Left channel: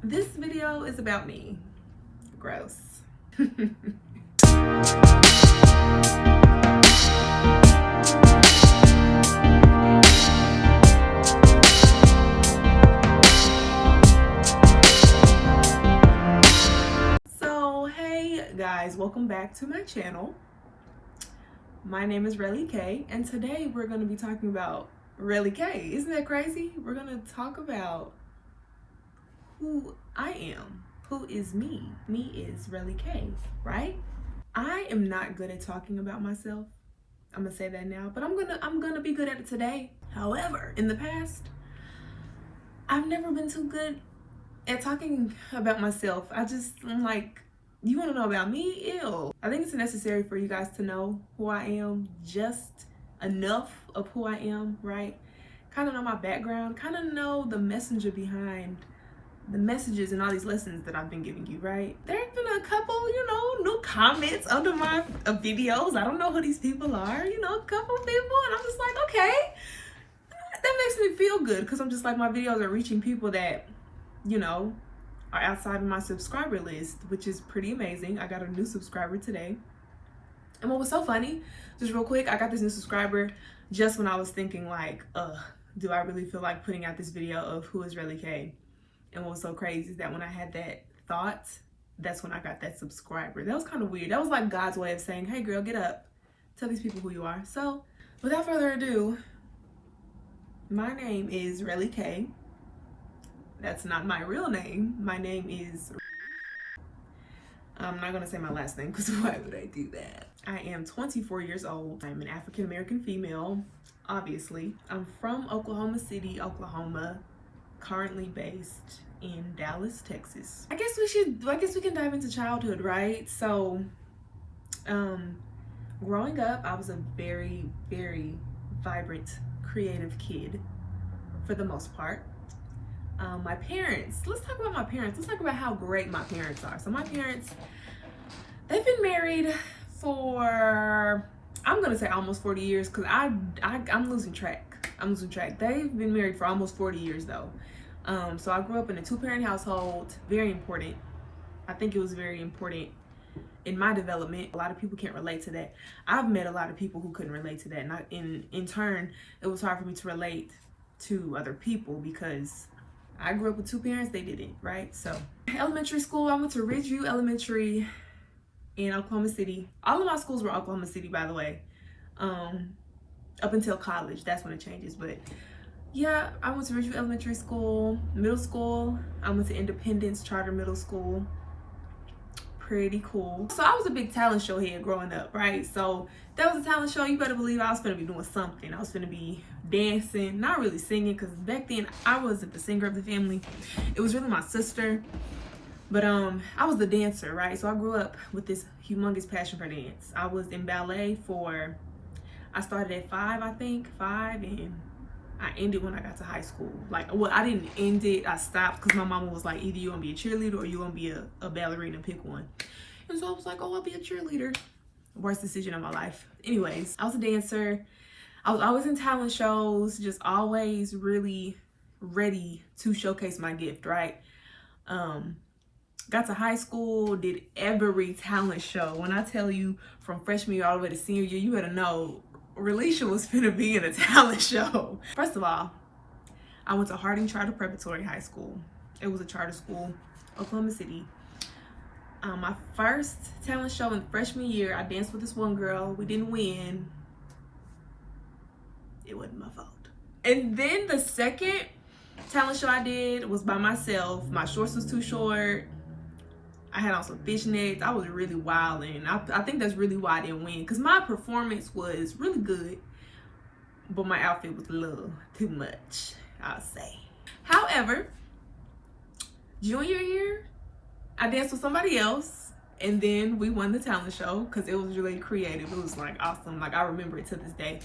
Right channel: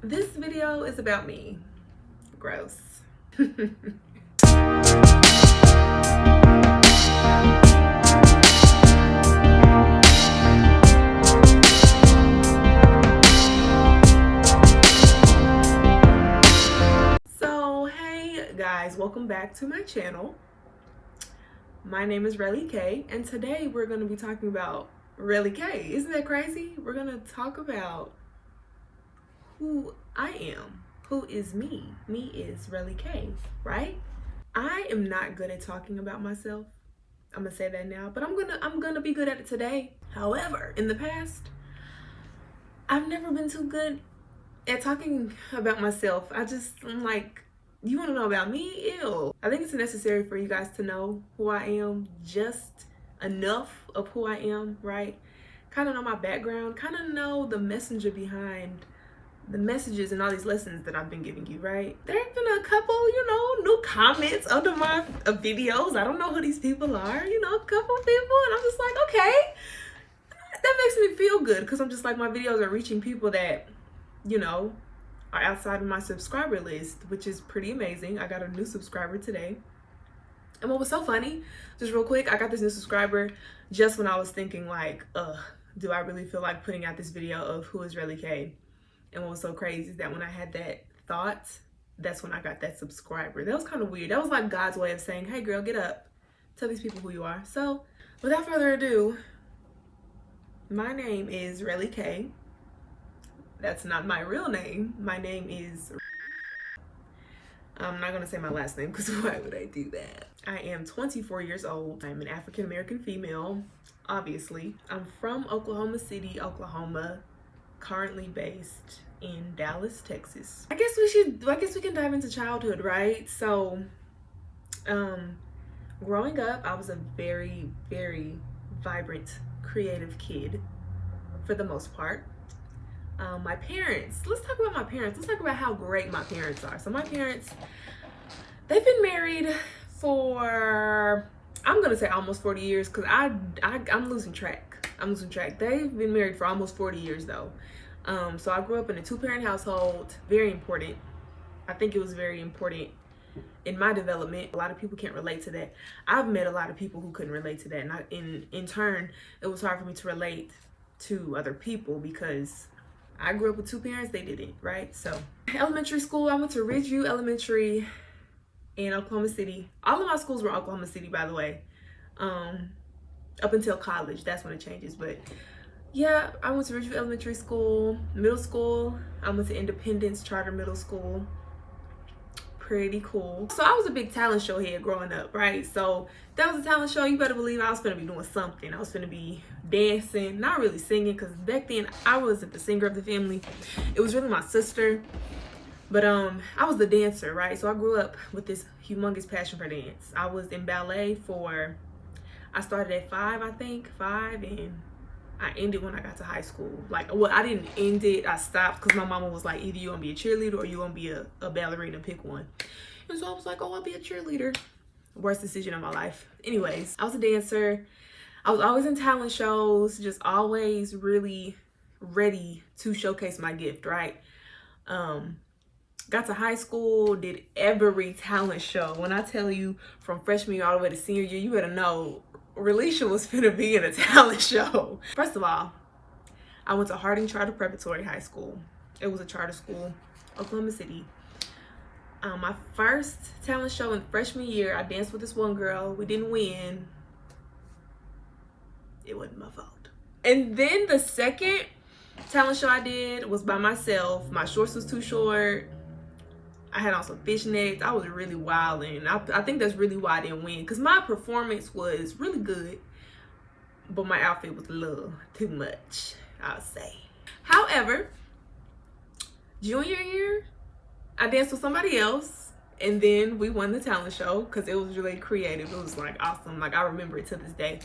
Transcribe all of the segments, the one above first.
This video is about me. Gross. So hey guys, welcome back to my channel. My name is RelliKay, and today we're going to be talking about RelliKay. Isn't that crazy? We're going to talk about who I am. Who is me? Me is RelliKay, right? I am not good at talking about myself. I'm gonna say that now, but I'm gonna be good at it today. However, in the past, I've never been too good at talking about myself. I'm like, you want to know about me? Ew. I think it's necessary for you guys to know who I am, just enough of who I am, right? Kind of know my background, kind of know the messenger behind the messages and all these lessons that I've been giving you, right? There have been a couple, new comments under my videos. I don't know who these people are, a couple people, and I'm just like, okay, that makes me feel good, because I'm just like, my videos are reaching people that, are outside of my subscriber list, which is pretty amazing. I got a new subscriber today. And what was so funny, just real quick, I got this new subscriber just when I was thinking like, do I really feel like putting out this video of who is RelliKay? And what was so crazy is that when I had that thought, that's when I got that subscriber. That was kind of weird. That was like God's way of saying, hey girl, get up. Tell these people who you are. So without further ado, my name is RelliKay. That's not my real name. My name is... I'm not going to say my last name, because why would I do that? I am 24 years old. I'm an African-American female, obviously. I'm from Oklahoma City, Oklahoma, currently based in Dallas, Texas. I guess we can dive into childhood, right? So, growing up, I was a very, very vibrant, creative kid, for the most part. My parents, let's talk about my parents. Let's talk about how great my parents are. So my parents, they've been married for, I'm gonna say almost 40 years, because I'm losing track. They've been married for almost 40 years though. So I grew up in a two-parent household. Very important. I think it was very important in my development. A lot of people can't relate to that. I've met a lot of people who couldn't relate to that, and in turn, it was hard for me to relate to other people, because I grew up with two parents, they didn't, right? So elementary school, I went to Ridgeview Elementary in Oklahoma City. All of my schools were Oklahoma City, by the way, up until college. That's when it changes. But yeah, I went to Ridgeview Elementary School. Middle school, I went to Independence Charter Middle School. Pretty cool. So I was a big talent show head growing up, right? So that was a talent show. You better believe I was gonna be doing something. I was gonna be dancing, not really singing, because back then I wasn't the singer of the family. It was really my sister. But I was the dancer, right? So I grew up with this humongous passion for dance. I was in ballet I started at 5, I think, and I ended when I got to high school. I didn't end it, I stopped, because my mama was like, either you're gonna be a cheerleader or you're gonna be a ballerina, pick one. And so I was like, oh, I'll be a cheerleader. Worst decision of my life. Anyways, I was a dancer. I was always in talent shows, just always really ready to showcase my gift, right? Got to high school, did every talent show. When I tell you, from freshman year all the way to senior year, you better know Relicia was finna be in a talent show. First of all, I went to Harding Charter Preparatory High School. It was a charter school, Oklahoma City. My first talent show in freshman year, I danced with this one girl. We didn't win. It wasn't my fault. And then the second talent show I did was by myself. My shorts was too short. I had on some fishnets. I was really wild, and I think that's really why I didn't win, because my performance was really good, but my outfit was a little too much, I'll say. However, junior year, I danced with somebody else, and then we won the talent show, because it was really creative. It was like awesome. Like, I remember it to this day.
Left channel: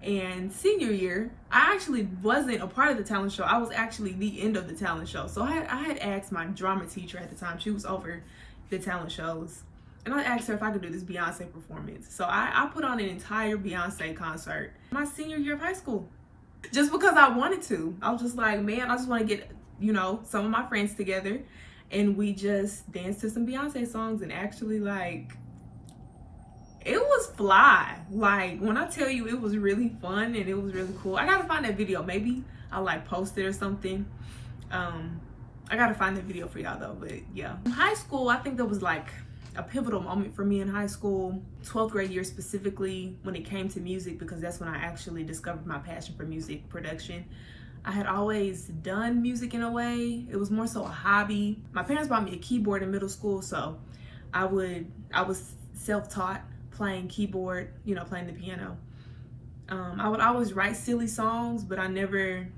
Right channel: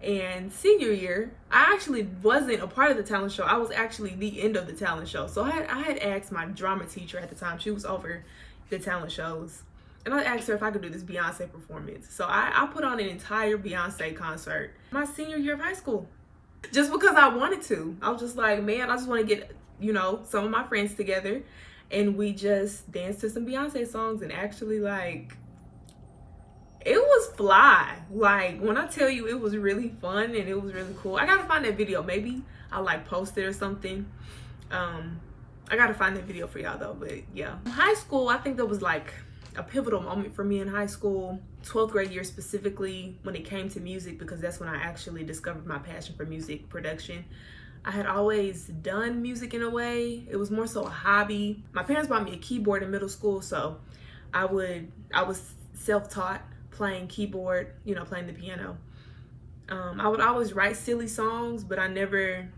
And senior year, I actually wasn't a part of the talent show. I was actually the end of the talent show. So I had asked my drama teacher at the time. She was over the talent shows. And I asked her if I could do this Beyonce performance. So I put on an entire Beyonce concert my senior year of high school. Just because I wanted to. I was just like, man, I just want to you know, some of my friends together, and we just danced to some Beyonce songs, and actually, like, it was fly. Like, when I tell you, it was really fun and it was really cool. I gotta find that video. Maybe I'll like post it or something. I gotta find that video for y'all though. But yeah, high school, I think that was like a pivotal moment for me in high school. 12th grade year specifically, when it came to music, because that's when I actually discovered my passion for music production. I had always done music in a way. It was more so a hobby. My parents bought me a keyboard in middle school, so I was self-taught playing keyboard, you know, playing the piano. I would always write silly songs, but I never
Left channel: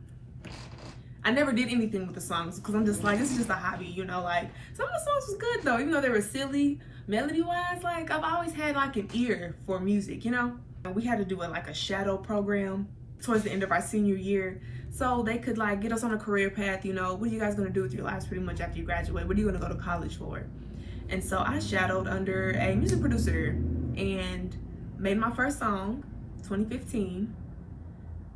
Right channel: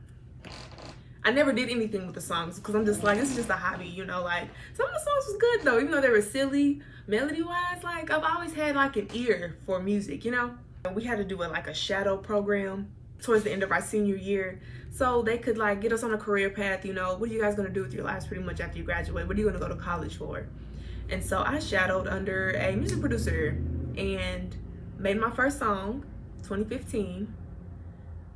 did anything with the songs, because I'm just like, this is just a hobby, you know. Like, some of the songs was good though, even though they were silly melody wise. Like, I've always had like an ear for music, you know. We had to do like a shadow program towards the end of our senior year, so they could like get us on a career path, you know. What are you guys gonna do with your lives pretty much after you graduate? What are you gonna go to college for? And so I shadowed under a music producer and made my first song, 2015.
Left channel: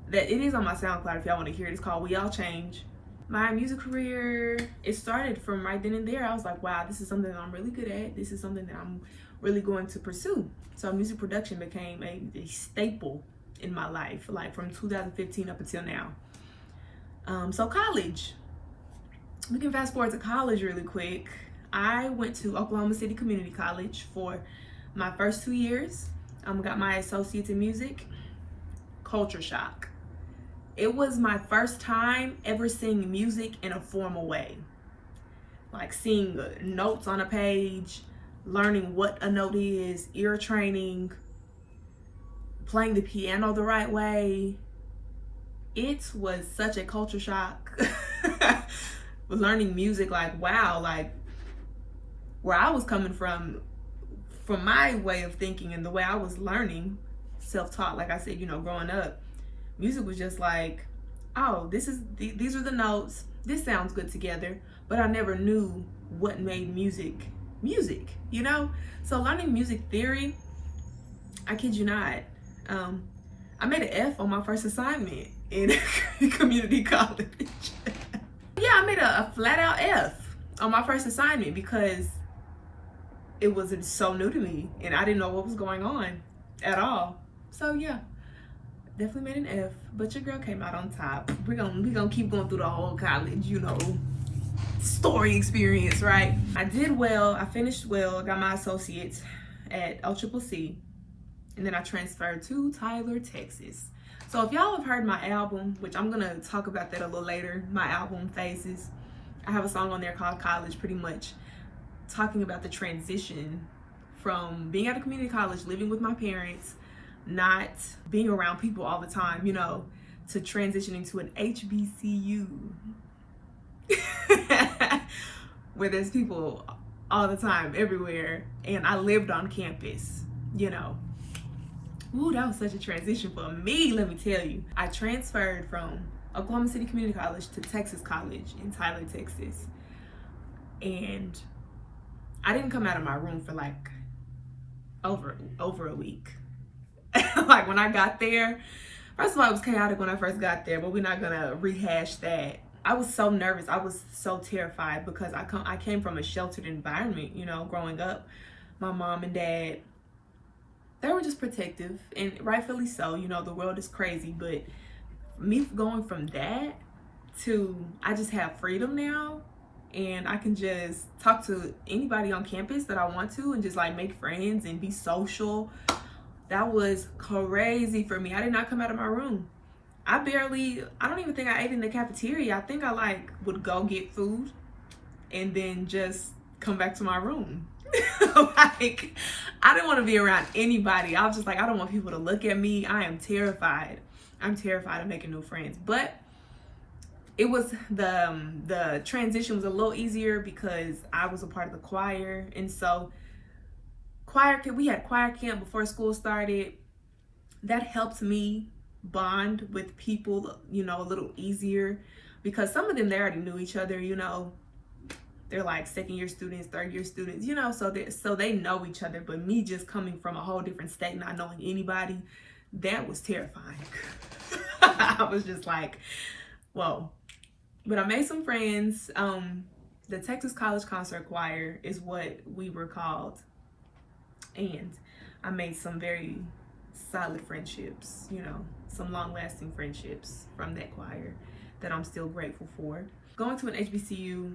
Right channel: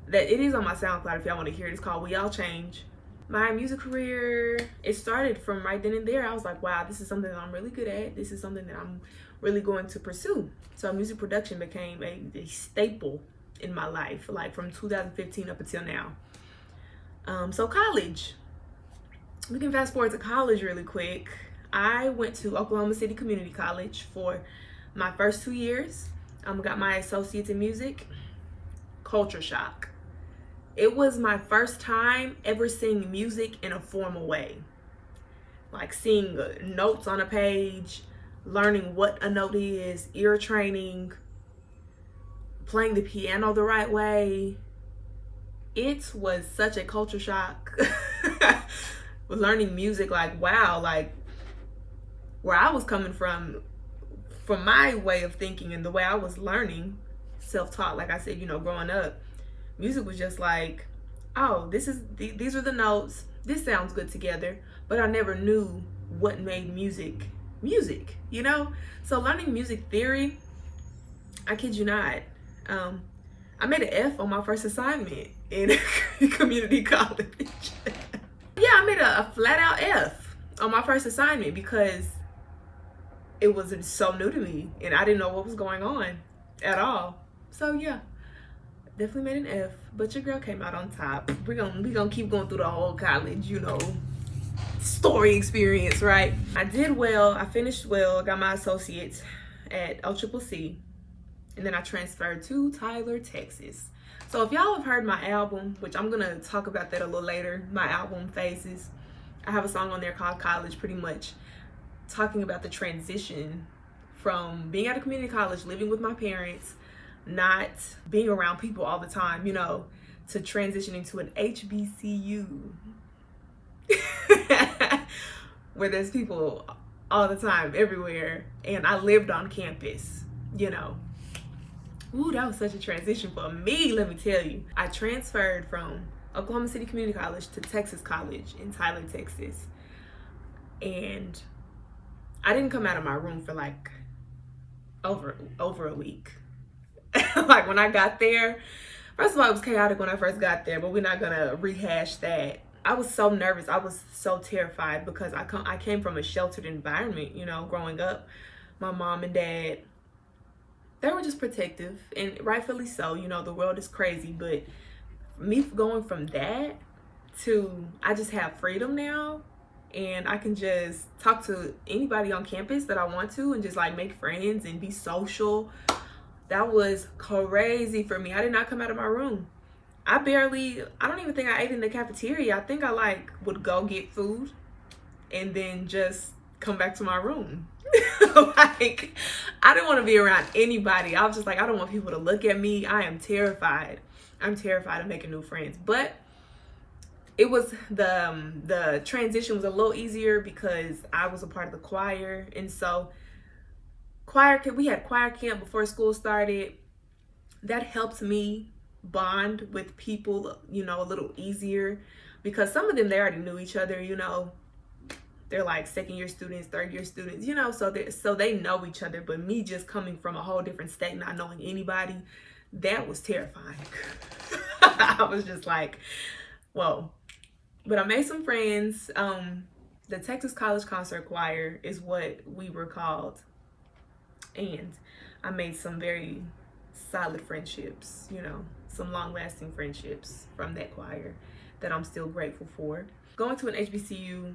That it is on my SoundCloud if y'all want to hear it. It's called We All Change. My music career, it started from right then and there. I was like, wow, this is something that I'm really good at. This is something that I'm really going to pursue. So music production became a staple in my life, like from 2015 up until now. So college. We can fast forward to college really quick. I went to Oklahoma City Community College for my first 2 years. Got my associates in music. Culture shock. It was my first time ever seeing music in a formal way. Like seeing notes on a page, learning what a note is, ear training, playing the piano the right way. It was such a culture shock. Learning music, like, wow, like where I was coming from my way of thinking and the way I was learning, self-taught, like I said, you know, growing up, music was just like, oh, these are the notes, this sounds good together, but I never knew what made music, you know? So learning music theory, I kid you not, I made an F on my first assignment in community college. Yeah, I made a flat out F on my first assignment because it was so new to me and I didn't know what was going on at all. So yeah, definitely made an F, but your girl came out on top. We're gonna keep going through the whole college, you know, story experience, right? I did well, I finished well, got my associates at OCCC, and then I transferred to Tyler, Texas. So if y'all have heard my album, which I'm gonna talk about that a little later, my album Phases, I have a song on there called College, pretty much talking about the transition from being at a community college, living with my parents, not being around people all the time, you know, to transitioning to an HBCU where there's people all the time, everywhere, and I lived on campus, you know. Ooh, that was such a transition for me, let me tell you. I transferred from Oklahoma City Community College to Texas College in Tyler, Texas. And I didn't come out of my room for like over a week. Like when I got there, first of all, it was chaotic when I first got there, but we're not gonna rehash that. I was so nervous. I was so terrified because I came from a sheltered environment, you know, growing up. My mom and dad, they were just protective, and rightfully so. You know, the world is crazy, but me going from that to I just have freedom now, and I can just talk to anybody on campus that I want to and just like make friends and be social. That was crazy for me. I did not come out of my room. I don't even think I ate in the cafeteria. I think I like would go get food and then just come back to my room. Like, I didn't want to be around anybody. I was just like, I don't want people to look at me. I am terrified. I'm terrified of making new friends. But it was the transition was a little easier because I was a part of the choir, and so we had choir camp before school started. That helped me bond with people, you know, a little easier because some of them, they already knew each other, you know. They're like second-year students, third-year students, you know, so they know each other. But me just coming from a whole different state, not knowing anybody, that was terrifying. I was just like, whoa, But I made some friends. The Texas College Concert Choir is what we were called. And I made some very solid friendships, you know, some long-lasting friendships from that choir that I'm still grateful for. Going to an HBCU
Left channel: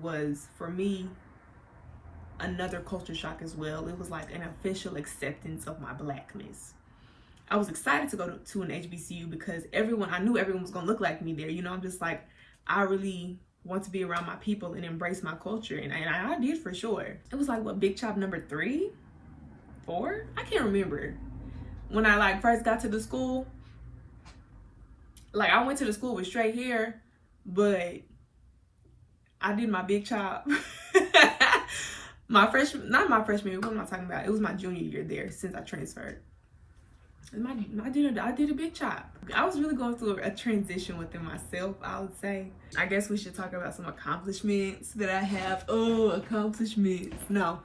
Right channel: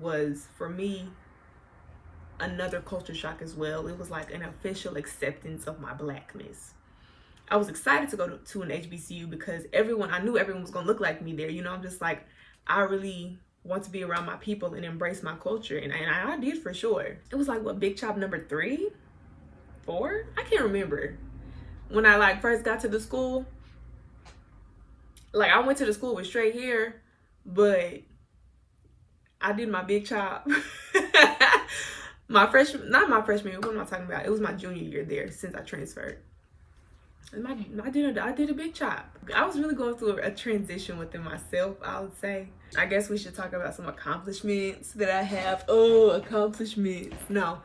was, for me, another culture shock as well. It was like an official acceptance of my blackness. I was excited to go to an HBCU because I knew everyone was gonna look like me there. You know, I'm just like, I really want to be around my people and embrace my culture. And I did for sure. It was like, what, Big Chop number 3, 4? I can't remember. When I like first got to the school, like I went to the school with straight hair, but I did my Big Chop. Not my freshman year, what am I talking about? It was my junior year there since I transferred. And I did a Big Chop. I was really going through a transition within myself, I would say. I guess we should talk about some accomplishments that I have. Oh, accomplishments. No.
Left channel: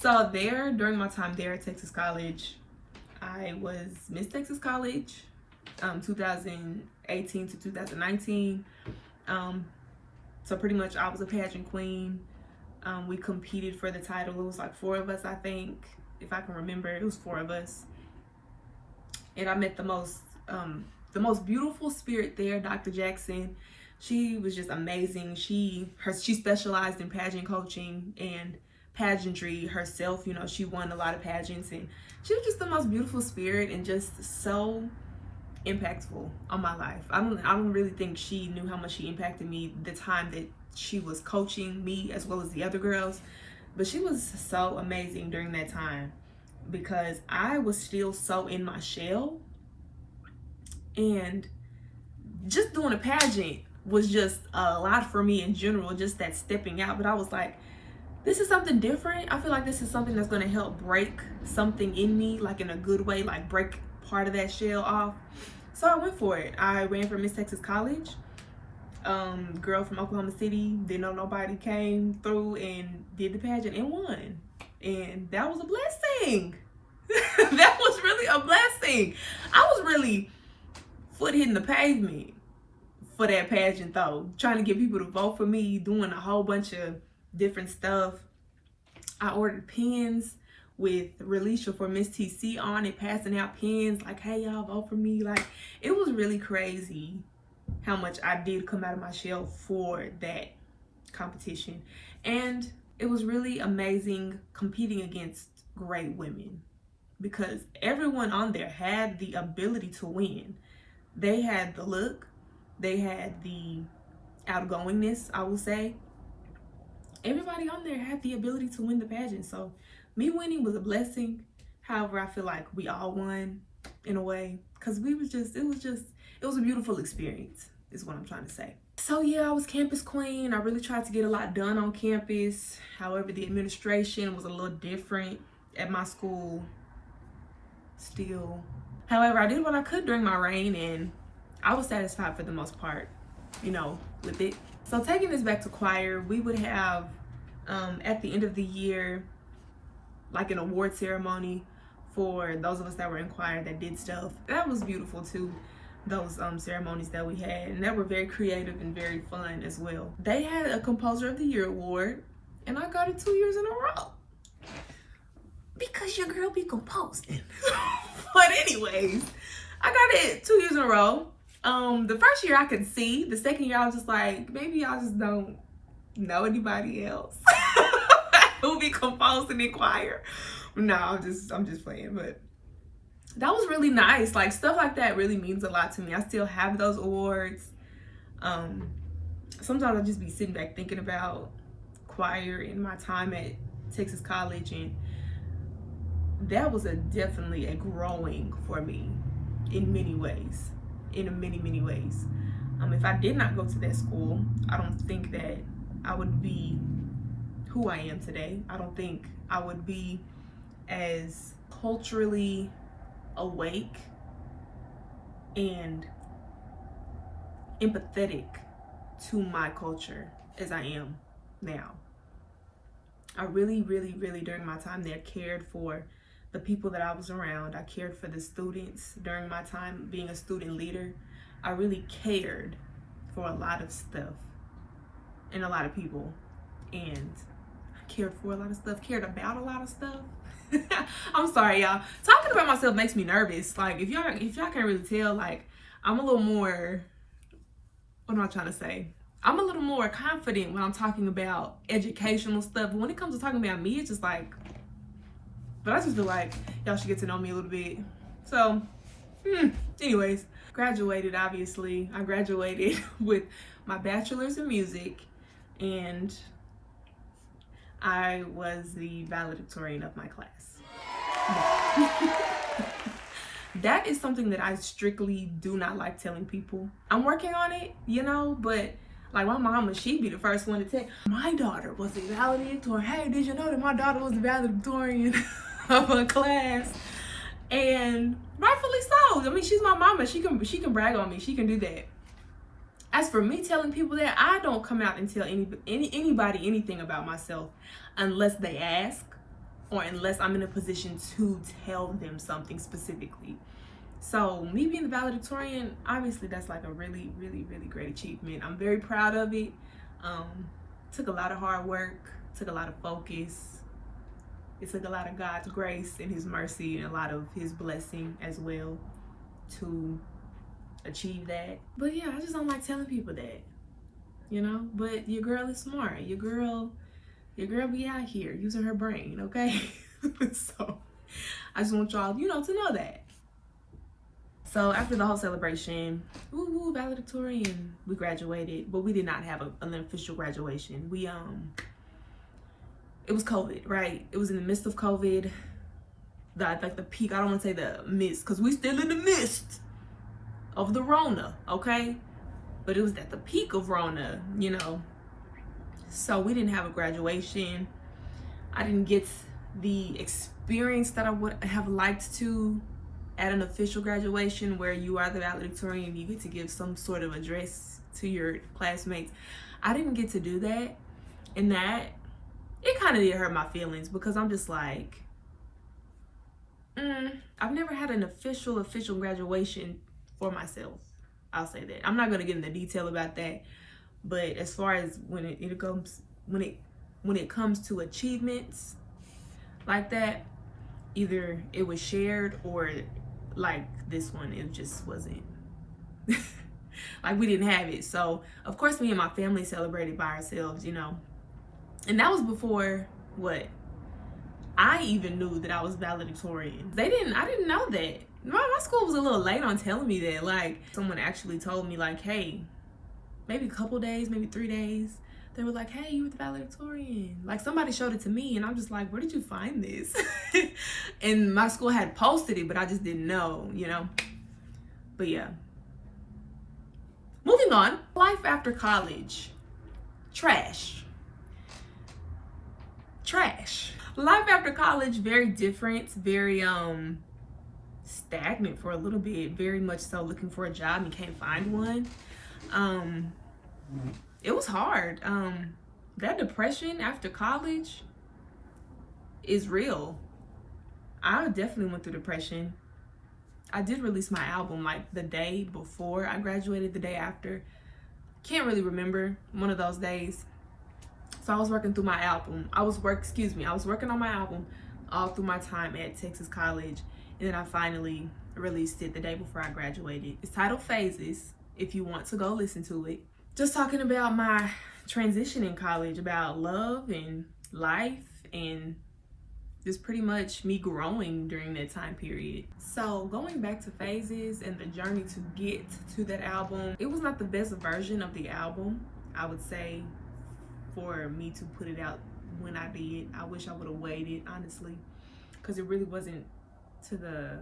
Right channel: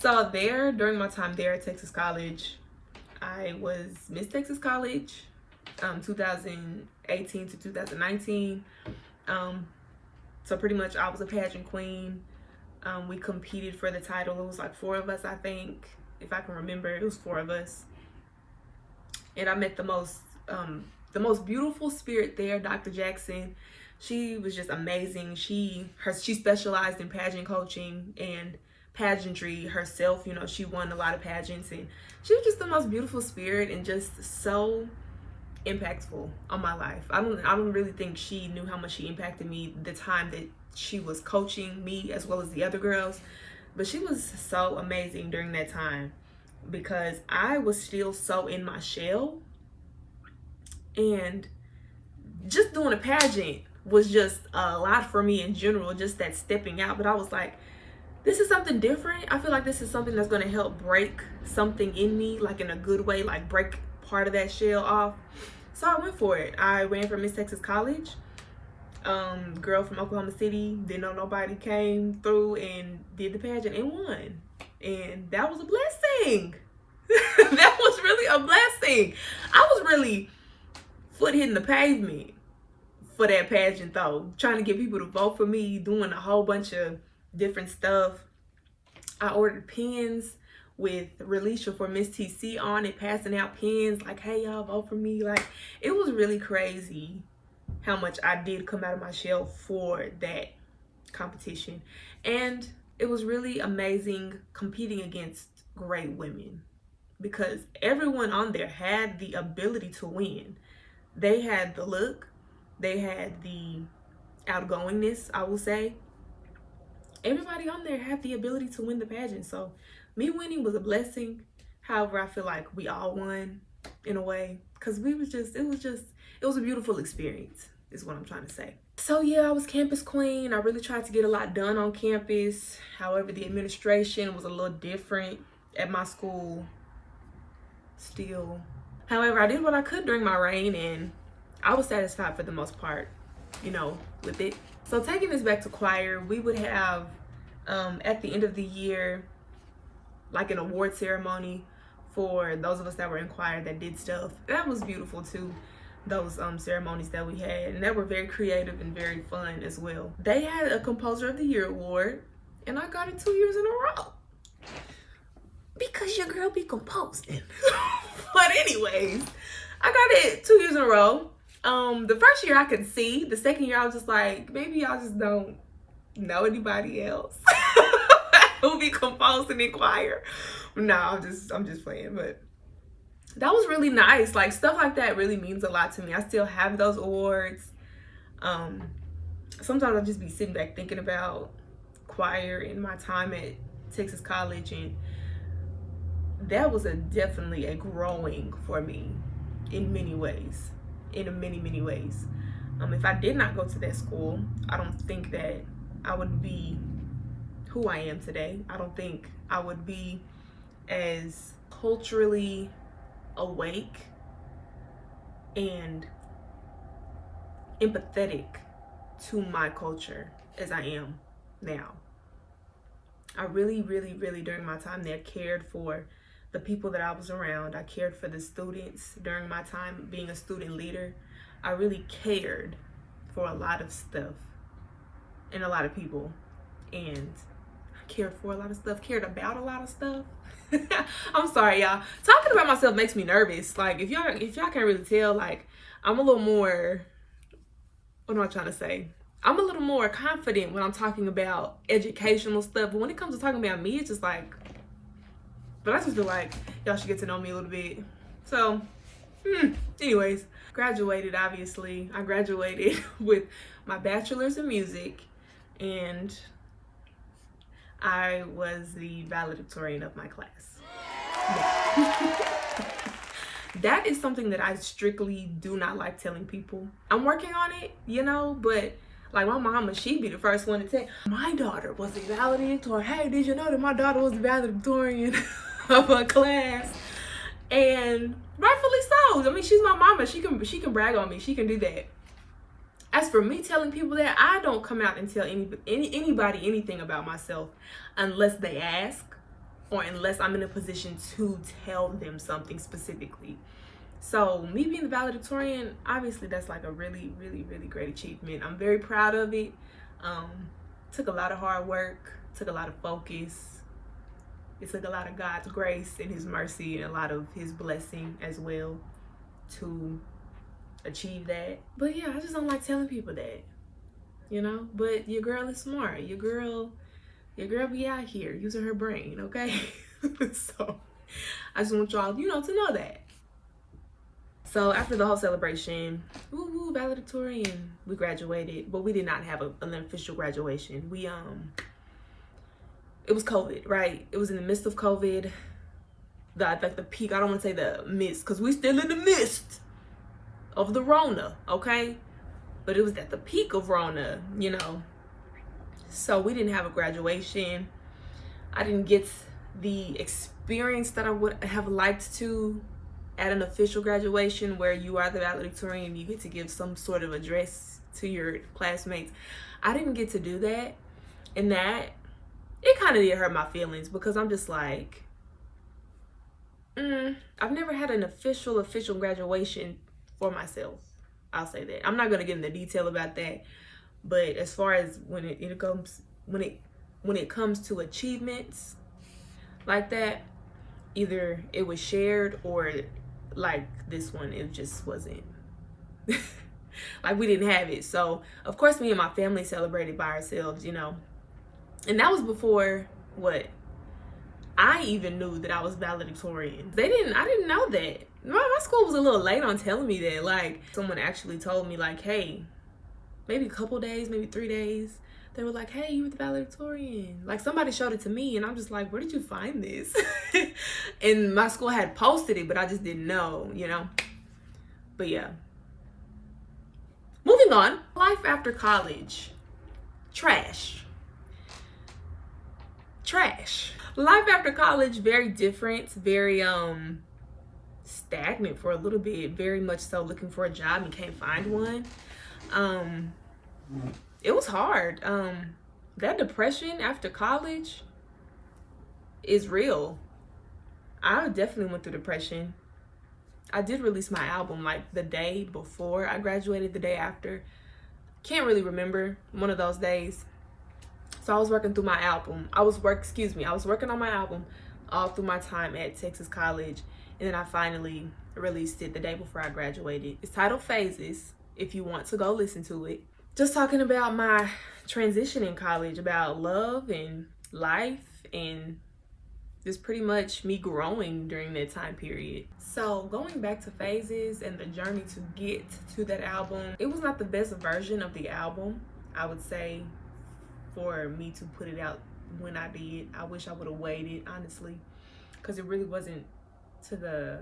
So there, during my time there at Texas College, I was Miss Texas College, 2018 to 2019. So pretty much I was a pageant queen. We competed for the title. It was like 4 of us, I think. If I can remember, it was 4 of us. And I met the most beautiful spirit there, Dr. Jackson. She was just amazing. She specialized in pageant coaching and pageantry herself. You know, she won a lot of pageants, and she was just the most beautiful spirit and just so impactful on my life. I don't really think she knew how much she impacted me the time that she was coaching me as well as the other girls. But she was so amazing during that time because I was still so in my shell, and just doing a pageant was just a lot for me in general, just that stepping out. But I was like, this is something different. I feel like this is something that's going to help break something in me, like in a good way, like break part of that shell off. So I went for it. I ran for Miss Texas College. Girl from Oklahoma City, didn't know nobody, came through and did the pageant and won. And that was a blessing. That was really a blessing. I was really foot hitting the pavement for that pageant though, trying to get people to vote for me, doing a whole bunch of different stuff. I ordered pins with Relicia for Miss TC on it, passing out pins like, hey y'all, vote for me. Like, it was really crazy how much I did come out of my shell for that competition. And it was really amazing competing against great women because everyone on there had the ability to win. They had the look, they had the outgoingness, I will say. Everybody on there had the ability to win the pageant. So me winning was a blessing. However, I feel like we all won in a way because it was a beautiful experience is what I'm trying to say. So yeah, I was campus queen. I really tried to get a lot done on campus. However, the administration was a little different at my school still. However, I did what I could during my reign and I was satisfied for the most part, you know, with it. So taking this back to choir, we would have at the end of the year, like an award ceremony for those of us that were in choir that did stuff. That was beautiful too, those ceremonies that we had, and that were very creative and very fun as well. They had a Composer of the Year award and I got it 2 years in a row because your girl be composing. But anyways, I got it 2 years in a row. The first year I could see, the second year I was just like, maybe y'all just don't know anybody else who be composing in choir. No, I'm just playing, but that was really nice. Like, stuff like that really means a lot to me. I still have those awards. Sometimes I'll just be sitting back thinking about choir and my time at Texas College, and that was definitely a growing for me in many ways, in many ways. If I did not go to that school, I don't think that I would be who I am today. I don't think I would be as culturally awake and empathetic to my culture as I am now. I really during my time there cared for the people that I was around. I cared for the students during my time being a student leader. I really cared for a lot of stuff and a lot of people, and I cared for a lot of stuff, cared about a lot of stuff. I'm sorry, y'all. Talking about myself makes me nervous. Like, if y'all can't really tell, like, I'm a little more, what am I trying to say? I'm a little more confident when I'm talking about educational stuff. But when it comes to talking about me, it's just like, but I just feel like y'all should get to know me a little bit. So, anyways, graduated, obviously. I graduated with my bachelor's in music, and I was the valedictorian of my class. That is something that I strictly do not like telling people. I'm working on it, you know, but like my mama, she'd be the first one to say, my daughter was the valedictorian. Hey, did you know that my daughter was the valedictorian of a class? And rightfully so. I mean, she's my mama. She can brag on me. She can do that. As for me telling people that, I don't come out and tell anybody anything about myself unless they ask, or unless I'm in a position to tell them something specifically. So me being the valedictorian, obviously that's like a really, really, really great achievement. I'm very proud of it. Took a lot of hard work, took a lot of focus. It took a lot of God's grace and his mercy and a lot of his blessing as well to achieve that. But yeah, I just don't like telling people that, you know. But your girl is smart. Your girl be out here using her brain, okay? So I just want y'all, you know, to know that. So after the whole celebration, woo, valedictorian, we graduated, but we did not have an official graduation. We it was COVID, right? It was in the midst of COVID, like the peak. I don't want to say the midst, because we still in the midst of the Rona, okay? But it was at the peak of Rona, you know. So we didn't have a graduation. I didn't get the experience that I would have liked to at an official graduation, where you are the valedictorian and you get to give some sort of address to your classmates. I didn't get to do that, and that, it kind of did hurt my feelings, because I'm just like, I've never had an official graduation for myself. I'll say that. I'm not gonna get into detail about that, but as far as when it comes to achievements like that, either it was shared, or like this one, it just wasn't. Like, we didn't have it. So of course me and my family celebrated by ourselves, you know. And that was before I even knew that I was valedictorian. I didn't know that. My school was a little late on telling me that. Like, someone actually told me, like, hey, maybe a couple days, maybe 3 days, they were like, hey, you were the valedictorian. Like, somebody showed it to me, and I'm just like, where did you find this? And my school had posted it, but I just didn't know, you know. But yeah. Moving on. Life after college. Trash. Life after college, very different, very stagnant for a little bit, very much so looking for a job and can't find one. It was hard. That depression after college is real. I definitely went through depression. I did release my album like the day before I graduated, the day after. Can't really remember, one of those days. So I was working through my album. I was working on my album all through my time at Texas College. And then I finally released it the day before I graduated. It's titled Phases, if you want to go listen to it. Just talking about my transition in college, about love and life, and just pretty much me growing during that time period. So going back to Phases and the journey to get to that album, it was not the best version of the album, I would say, for me to put it out when I did. I wish I would have waited, honestly, because it really wasn't to the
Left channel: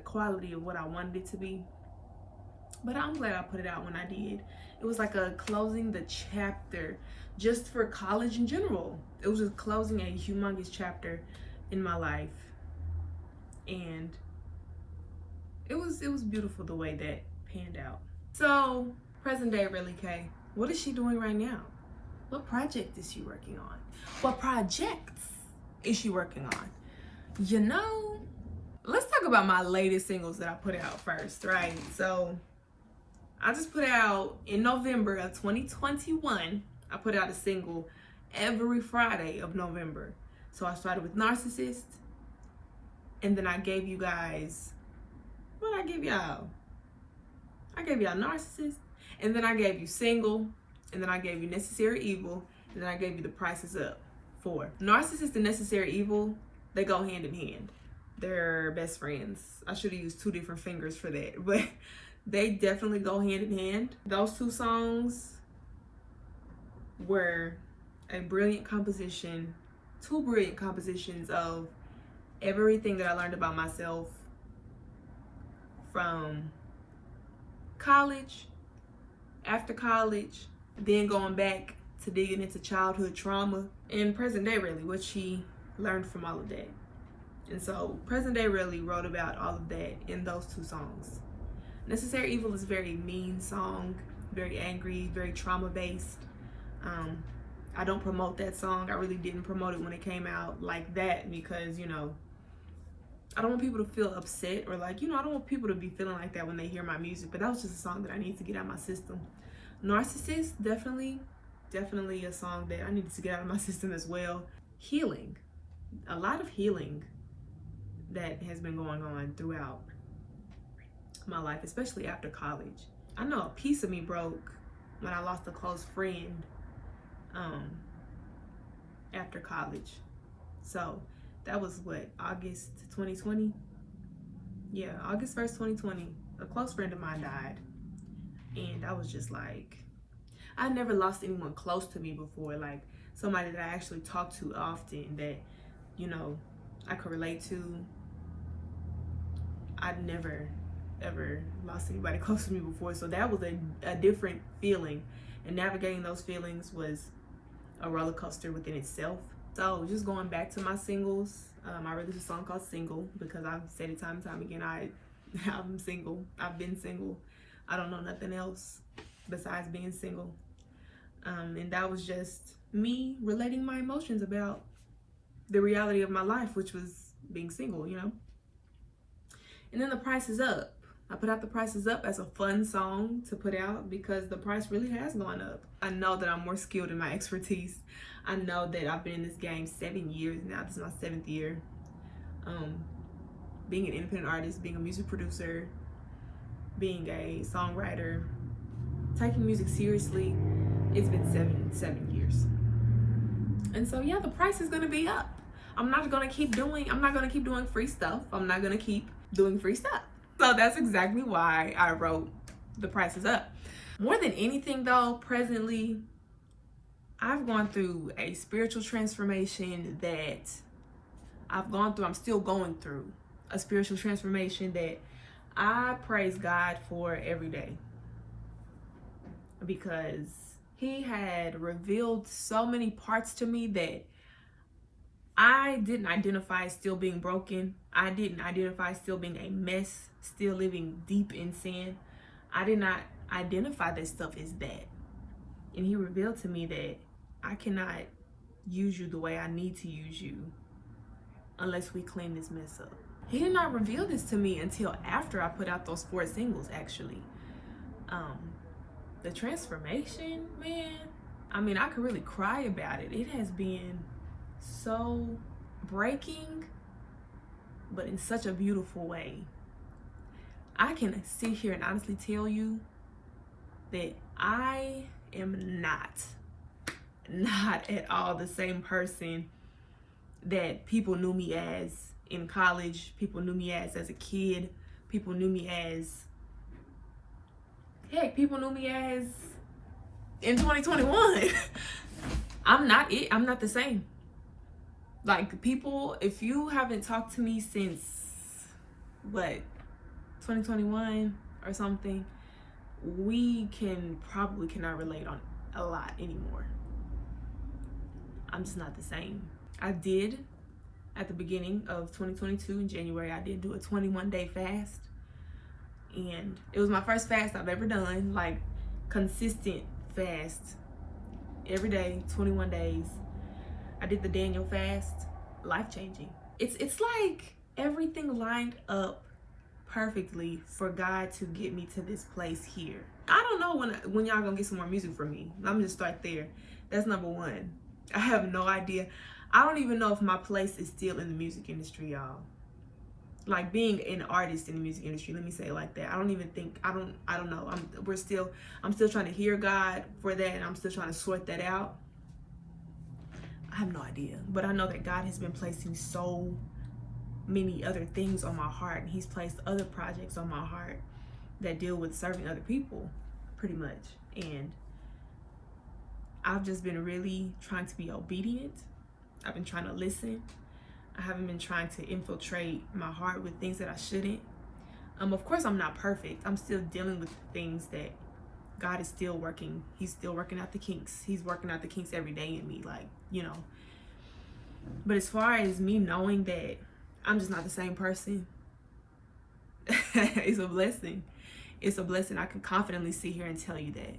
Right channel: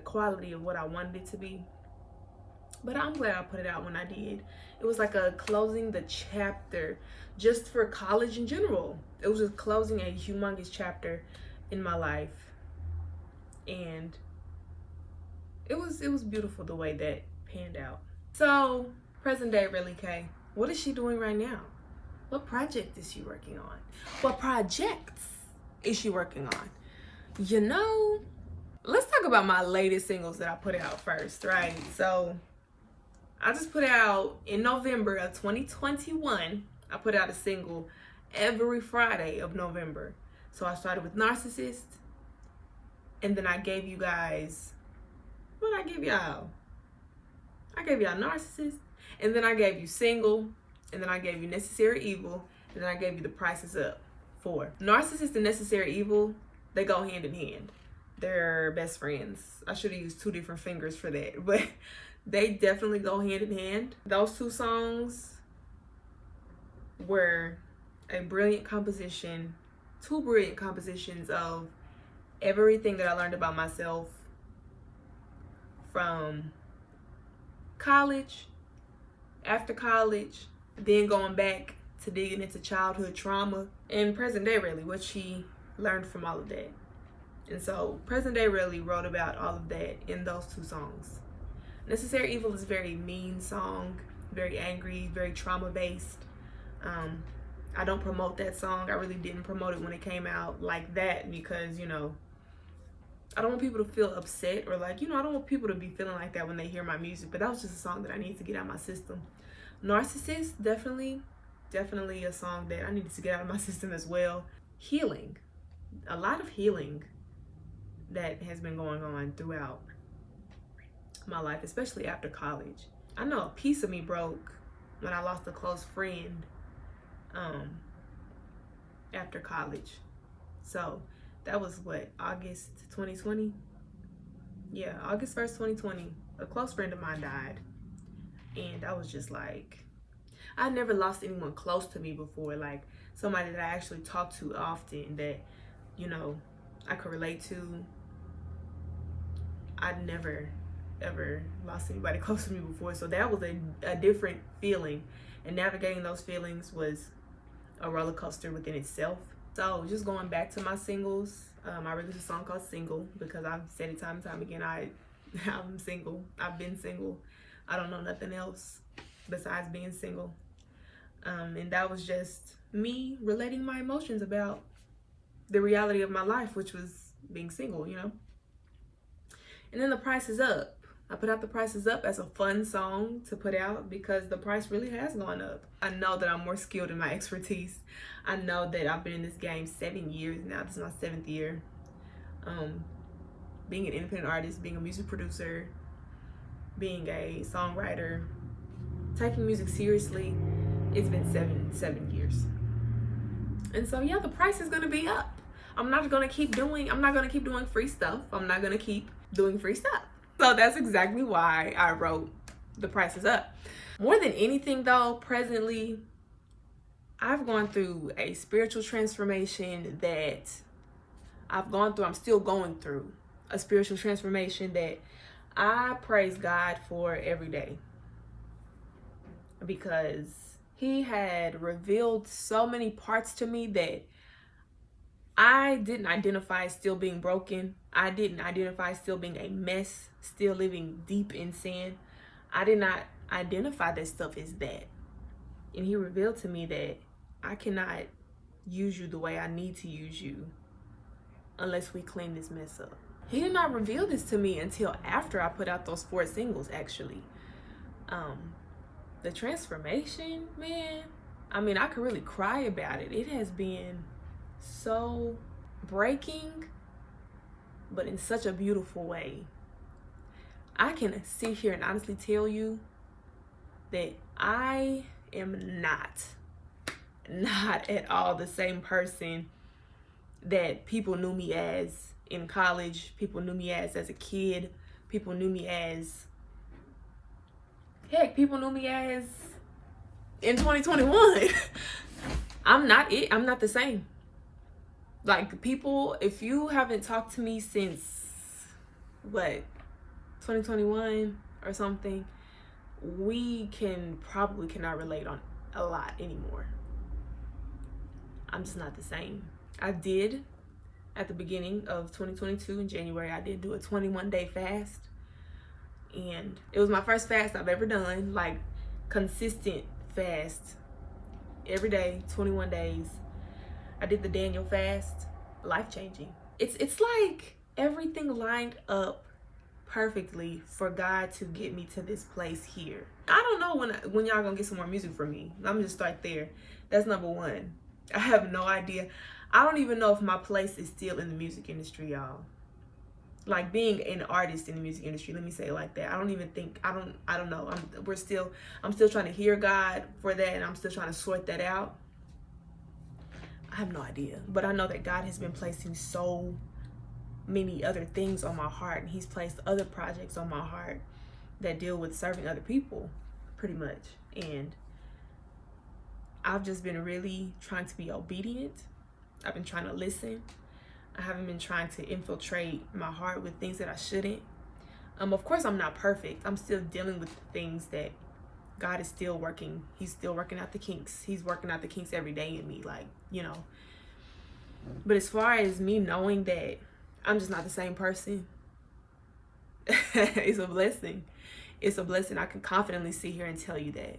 quality of what I wanted it to be. But I'm glad I put it out when I did. It was like a closing the chapter just for college in general. It was just closing a humongous chapter in my life. And it was beautiful the way that panned out. So, present day RelliKay, what is she doing right now? What project is she working on? What projects is she working on? You know, let's talk about my latest singles that I put out first, right? So I just put out in November of 2021. I put out a single every Friday of November. So I started with Narcissist, and then I gave you guys, what I give y'all? I gave y'all Narcissist, and then I gave you Single, and then I gave you Necessary Evil, and then I gave you The Price Is Up. 4. Narcissist and Necessary Evil, they go hand in hand. They're best friends. I should have used 2 different fingers for that, but they definitely go hand in hand. Those 2 songs were a brilliant composition, 2 brilliant compositions of everything that I learned about myself from college, after college, then going back to digging into childhood trauma, and present day really, what she learned from all of that. And so present day really wrote about all of that in those 2 songs. Necessary Evil is a very mean song, very angry, very trauma based. I don't promote that song. I really didn't promote it when it came out like that because, you know, I don't want people to feel upset or like, you know, I don't want people to be feeling like that when they hear my music, but that was just a song that I needed to get out of my system. Narcissist, definitely a song that I needed to get out of my system as well. Healing, a lot of healing that has been going on throughout my life, especially after college. I know a piece of me broke when I lost a close friend after college. So that was what, August 2020? Yeah, August 1st, 2020. A close friend of mine died. And I was just like, I never lost anyone close to me before, like somebody that I actually talk to often that, you know, I could relate to. I'd never ever lost anybody close to me before, so that was a different feeling, and navigating those feelings was a roller coaster within itself. So just going back to my singles, I released a song called Single because I've said it time and time again, I'm single. I've been single. I don't know nothing else besides being single. And that was just me relating my emotions about the reality of my life, which was being single, you know. And then The Price Is Up. I put out The Price Is Up as a fun song to put out because the price really has gone up. I know that I'm more skilled in my expertise. I know that I've been in this game 7 years now. This is my 7th year. Being an independent artist, being a music producer, being a songwriter, taking music seriously, it's been seven years. And so yeah, the price is gonna be up. I'm not gonna keep doing free stuff. I'm not gonna keep doing free stuff. So that's exactly why I wrote The Price Is Up. More than anything though, presently, I've gone through a spiritual transformation that I'm still going through a spiritual transformation that I praise God for every day, because he had revealed so many parts to me that I didn't identify as still being broken. I didn't identify still being a mess, still living deep in sin. I did not identify that stuff as that. And he revealed to me that I cannot use you the way I need to use you unless we clean this mess up. He did not reveal this to me until after I put out those 4 singles, actually. The transformation, man, I mean, I could really cry about it. It has been so breaking, but in such a beautiful way. I can sit here and honestly tell you that I am not at all the same person that people knew me as in college, people knew me as a kid, people knew me as, heck, people knew me as in 2021. I'm not the same. Like, people, if you haven't talked to me since, what, 2021 or something, we probably cannot relate on a lot anymore. I'm just not the same. I did, at the beginning of 2022 in January, I did do a 21-day fast. And it was my first fast I've ever done, like consistent fast, every day, 21 days. I did the Daniel fast, life-changing. It's like everything lined up perfectly for God to get me to this place here. I don't know when y'all gonna get some more music from me. I'm gonna start there. That's number one. I have no idea. I don't even know if my place is still in the music industry, y'all. Like being an artist in the music industry, let me say it like that. I don't even think, I don't know. I'm still trying to hear God for that, and I'm still trying to sort that out. I have no idea, but I know that God has been placing so many other things on my heart, and he's placed other projects on my heart that deal with serving other people, pretty much. And I've just been really trying to be obedient. I've been trying to listen. I haven't been trying to infiltrate my heart with things that I shouldn't. Of course, I'm not perfect. I'm still dealing with things that God is still working. He's still working out the kinks. He's working out the kinks every day in me, like, you know. But as far as me knowing that I'm just not the same person, it's a blessing. It's a blessing. I can confidently sit here and tell you that.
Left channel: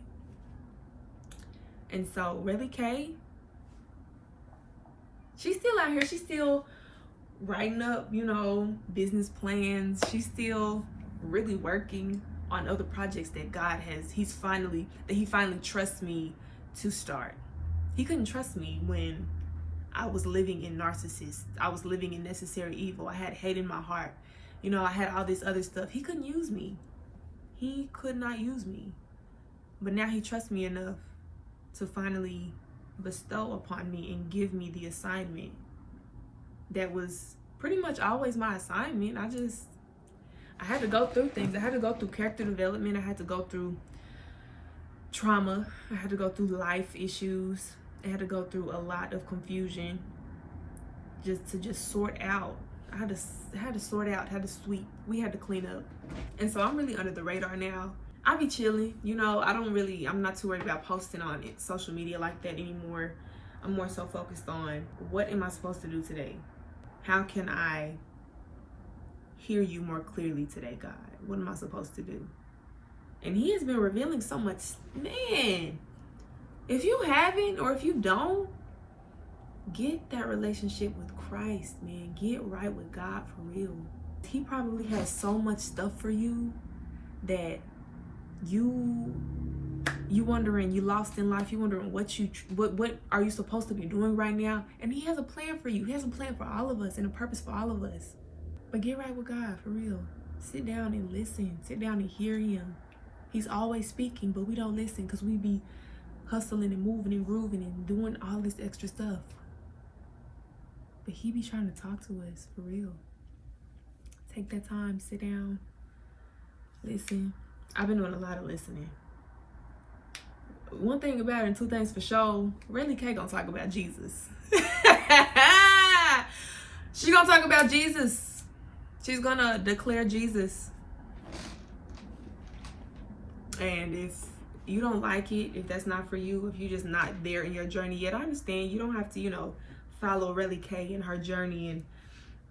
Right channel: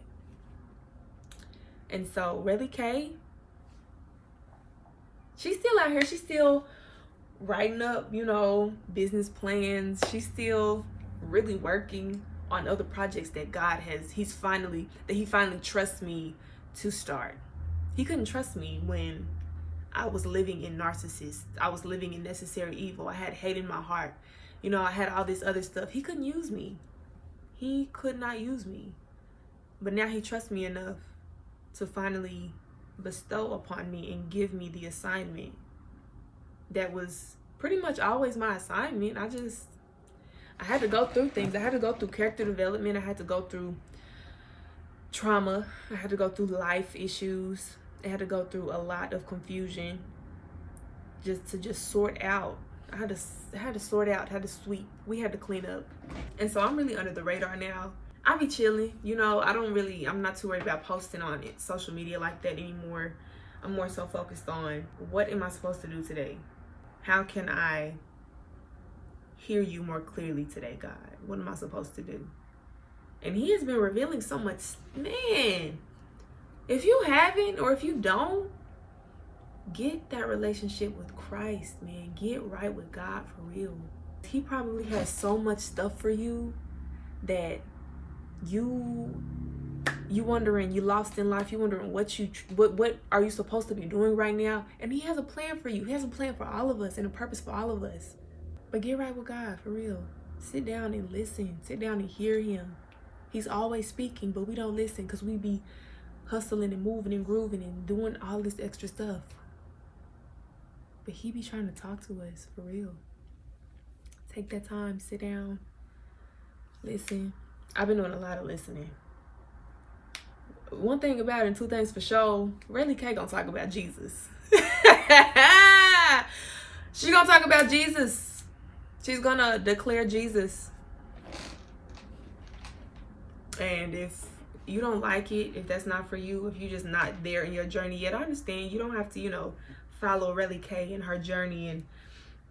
And so RelliKay, she's still out here. She's still writing up, you know, business plans. She's still really working on other projects that God has, he finally trusts me to start. He couldn't trust me when I was living in narcissist. I was living in necessary evil. I had hate in my heart. You know, I had all this other stuff. He couldn't use me. He could not use me. But now he trusts me enough to finally bestow upon me and give me the assignment that was pretty much always my assignment. I had to go through things. I had to go through character development. I had to go through trauma. I had to go through life issues. I had to go through a lot of confusion just to sort out. I had to sort out, had to sweep. We had to clean up. And so I'm really under the radar now. I be chilling, you know. I'm not too worried about posting on it, social media like that anymore. I'm more so focused on, what am I supposed to do today? How can I hear you more clearly today, God? What am I supposed to do? And he has been revealing so much. Man, if you haven't, or if you don't, get that relationship with Christ, man. Get right with God for real. He probably has so much stuff for you that you wondering, you lost in life, you wondering what are you supposed to be doing right now. And he has a plan for you. He has a plan for all of us and a purpose for all of us. But get right with God for real. Sit down and listen. Sit down and hear him. He's always speaking, but we don't listen because we be hustling and moving and grooving and doing all this extra stuff. But he be trying to talk to us for real. Take that time, sit down, listen. I've been doing a lot of listening. One thing about it, and two things for sure, RelliKay gonna talk about Jesus. She gonna talk about Jesus. She's gonna declare Jesus. And if you don't like it, if that's not for you, if you're just not there in your journey yet, I understand. You don't have to, you know, follow RelliKay and her journey and,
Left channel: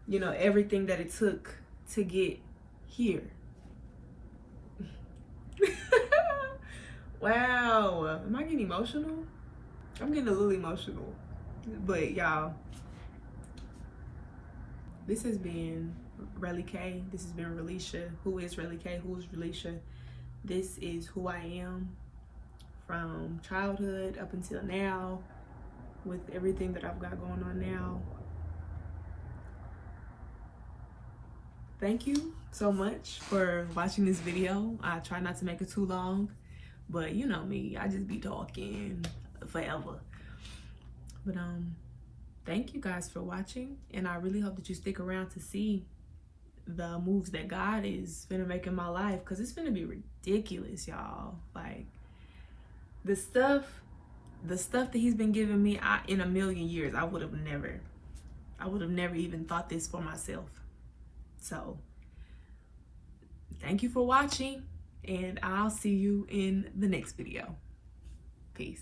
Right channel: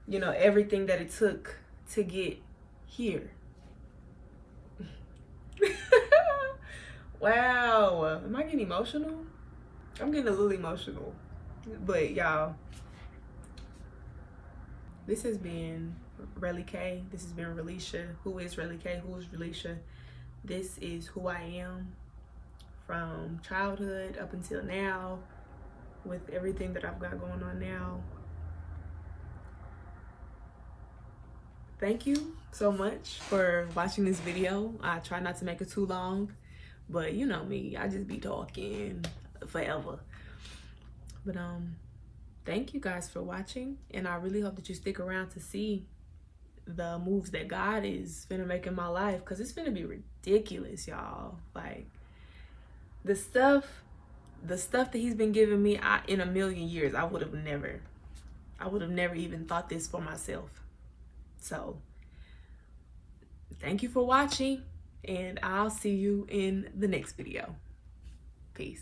you know, everything that it took to get here. Wow, am I getting emotional? I'm getting a little emotional. But y'all, this has been RelliKay. This has been Relicia. Who is RelliKay? Who is Relicia? This is who I am from childhood up until now, with everything that I've got going on now. Thank you so much for watching this video. I try not to make it too long, but you know me, I just be talking forever. But thank you guys for watching, and I really hope that you stick around to see the moves that God is gonna make in my life, because it's gonna be ridiculous, y'all. Like the stuff that he's been giving me, in a million years I would have never even thought this for myself. So thank you for watching, and I'll see you in the next video. Peace.